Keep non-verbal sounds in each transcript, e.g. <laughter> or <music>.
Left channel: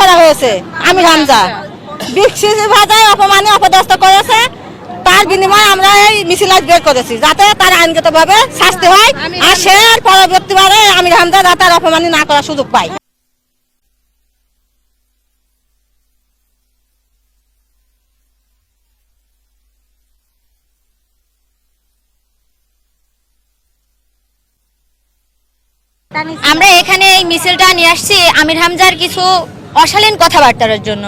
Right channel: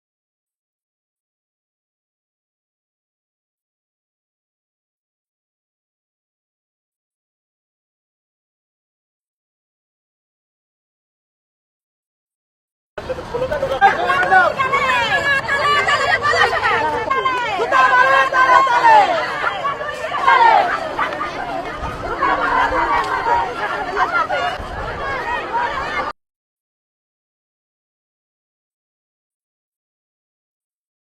করা হয়েছে। আমির হামজা বিকশিত ভাষায় অপমানে অপদস্থ করেছে। তার বিনিময়ে আমরা এই মিছিল আজ বের করেছি যাতে তার আইনগতভাবে শাস্তি হয়। আর সে আর পরবর্তীবারে আমির হামজা যাতে আর অপমানি না করার সুযোগ পায়। আমরা এখানে এই মিছিলটা নিয়ে আসছি। আমির হামজার কিছু অশালীন কথাবার্তার জন্য।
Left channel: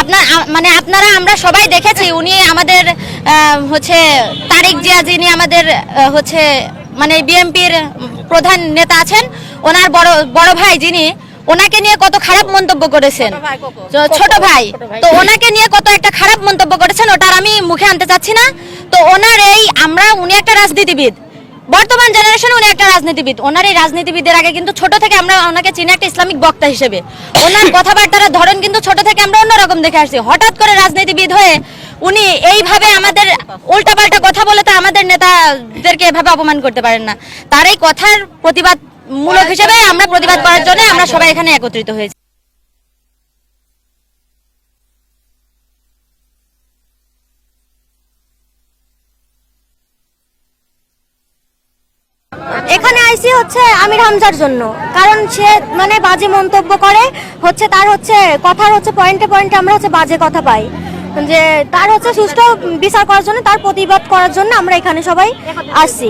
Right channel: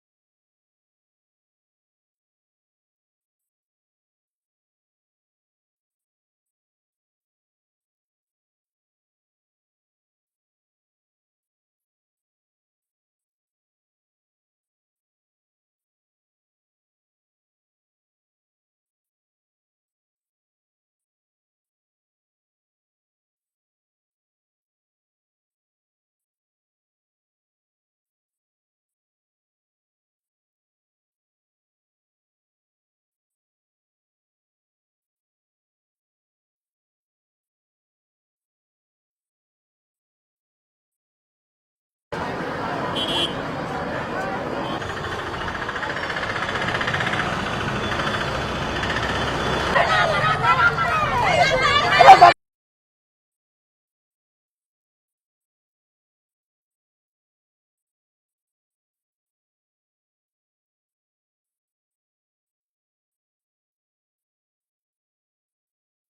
আপনার মানে আপনারা আমরা সবাই দেখেছি উনি আমাদের হচ্ছে তারেক জিয়া যিনি আমাদের হচ্ছে মানে বিএনপির প্রধান নেতা আছেন ওনার বড় বড় ভাই যিনি ওনাকে নিয়ে কত খারাপ মন্তব্য করেছেন। ছোট ভাই। তো ওনাকে নিয়ে কত একটা খারাপ মন্তব্য করেছেন ওটার আমি মুখে আনতে চাচ্ছি না। তো ওনার এই আমরা উনি একটা রাজনীতিবিদ। বর্তমান জেনারেশন উনি একটা রাজনীতিবিদ। ওনার এই রাজনীতিবিদের আগে কিন্তু ছোট থেকে আমরা ওনাকে চিনি একটা ইসলামিক বক্তা হিসেবে। ওনার <laughs> কথাবার্তার ধরন কিন্তু ছোট থেকে আমরা অন্যরকম দেখে আসছি। হঠাৎ করে রাজনীতিবিদ হয়ে উনি এইভাবে আমাদের উল্টাপাল্টা কথা বলে তো আমাদের নেতাদেরকে এভাবে অপমান করতে পারেন না। তার এই কথার প্রতিবাদ মূলক হিসেবে আমরা প্রতিবাদ করার জন্য আমরা সবাই এখানে একত্রিত হয়েছি। এখানে আইসি হচ্ছে আমির হামজার জন্য। কারণ সে মানে বাজে মন্তব্য করে, হচ্ছে তার হচ্ছে কথার হচ্ছে পয়েন্টে পয়েন্টে আমরা হচ্ছে বাজে কথা পাই। যে তার হচ্ছে সুষ্ঠু বিচার করার জন্য, তার প্রতিবাদ করার জন্য আমরা এখানে সবাই আসছি।